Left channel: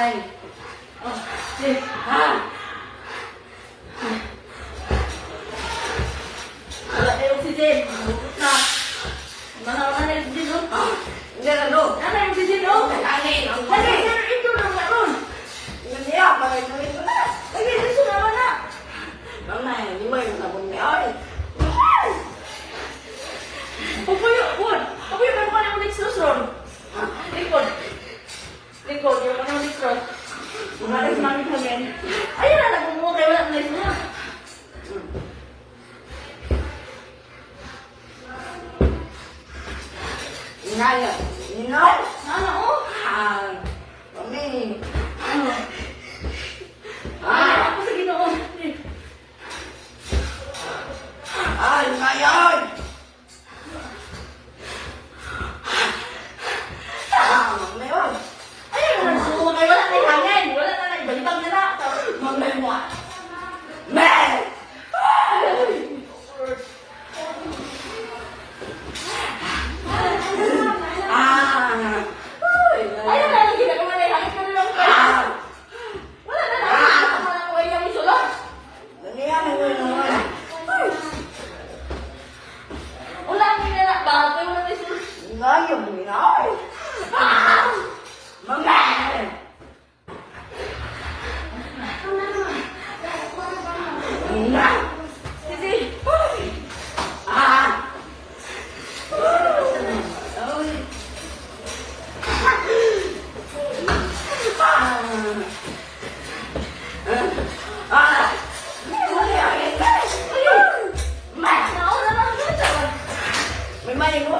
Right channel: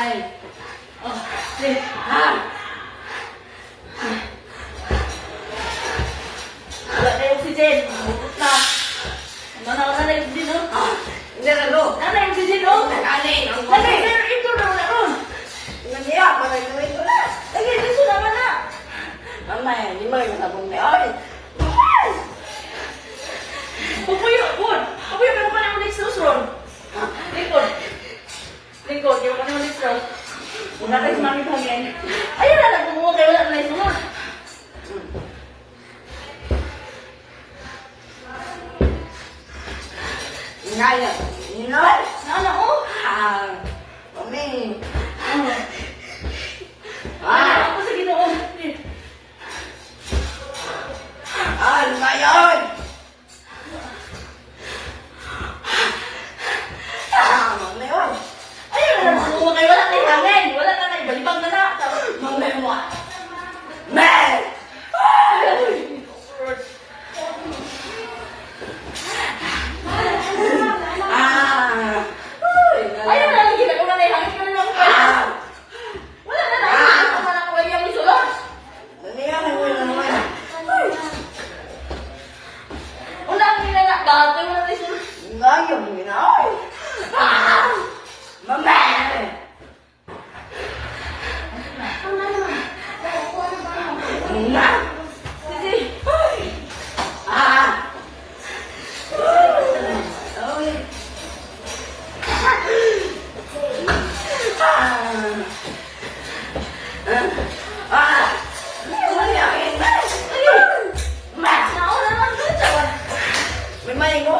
Ay. Oh, sige. Wala na yung oxygen. Bukot na. Mana na yung oxygen, oh. Hindi na lo. Nana yung oxygen, oh. Nanay. Nana, ito na wala ron. Nandiyak, malay-malay ko na. Lagi, dito naman na. Nanay, hindi mo yung sabong niya. Ay. Pupuyo, Bud. Pupuyo, may mukha na yung next ron. Lingkod. Lingkod, yung mukha na yung next ron. Wala tayo sumamit hangin. Ayun na, nagmumukha kayo, wala na yung sunod. Inaya. Inay. Nana, oh. Kami. Wala ako sa Ginoo. Ano ba yun? Mami, oh. Ayun na, nagmumukha kayo, wala na yung hangin. Wala na yung balibang na na. Mami mo. Men! Ayun na, hindi na kumana yung hangin. Pero lang ko kayo. Wala na, nakikita na ko kayo yung isulot. Nandiyan na mo naman. Wala ang ginala. Bakit kayo wala na isulot? Ngayon mo na. Mami! Na! Sige. Nauna lang doon sa one. May maling mo.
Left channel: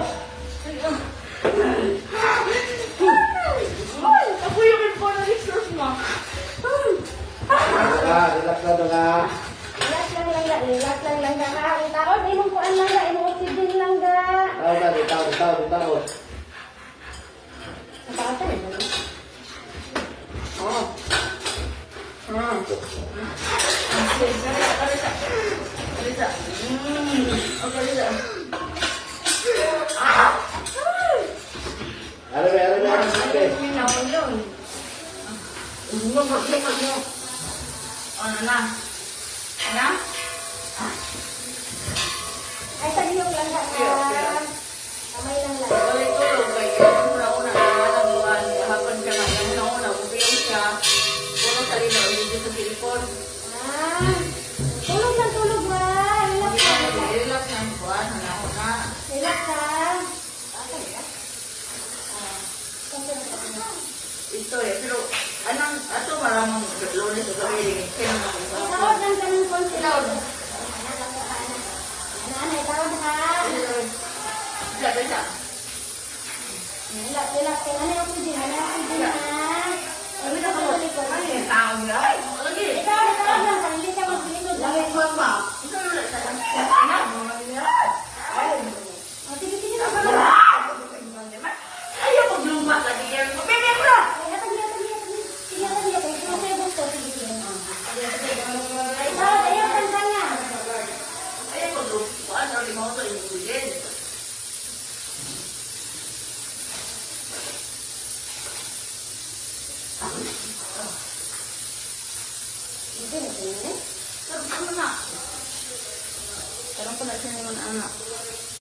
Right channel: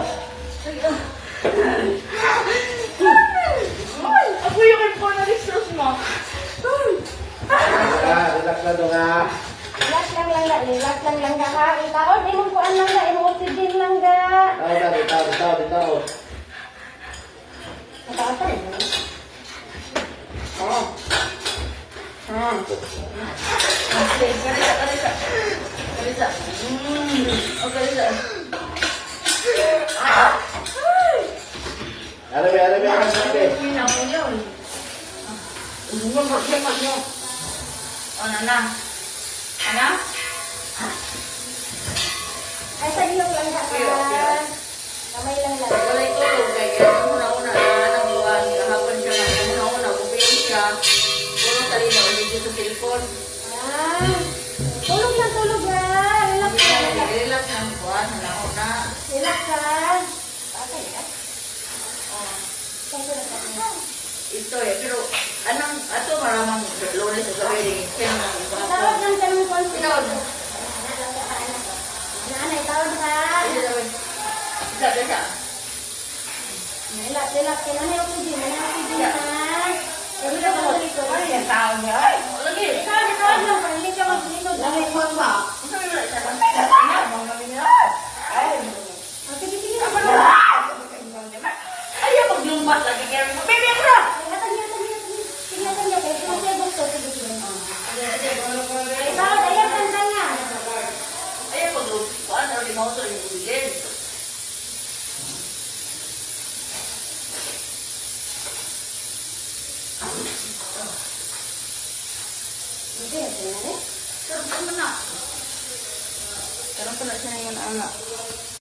Sige. Ako yung inform na extras mo. Relax na to na. Relax lang ga ka. Itaon, imong kuan lang ga, imong oxygen lang ga. Bitaw. Patay. Oh. Kalisa. Oh, kalisa. Arabi. Oh, nana. Ana? Ay, sa ilong lang ga. Kamay lang ga. Wala ito. Kaya una-una. Walang buwan. Kahapon ka man. Una-una. Bukayin siya. Walang sarili. Hindi sa cellphone. Tulog na. Relax lang. Relax ng buwan. Wala na. Relax lang. Ito eh. Pero, anong, ato maramang lunes sa gawin. Kaya na kung Tawag lang ka ng konti. Tinawag mo. Nanay, tawag ka. Isa. Relax. Nanay, oxygen. Sabi na ko sa likod. Ano yung tao niya? Lagi. Ikaw lang. Hindi ka maglinod. Langit mo ba? Kung saan wala siya.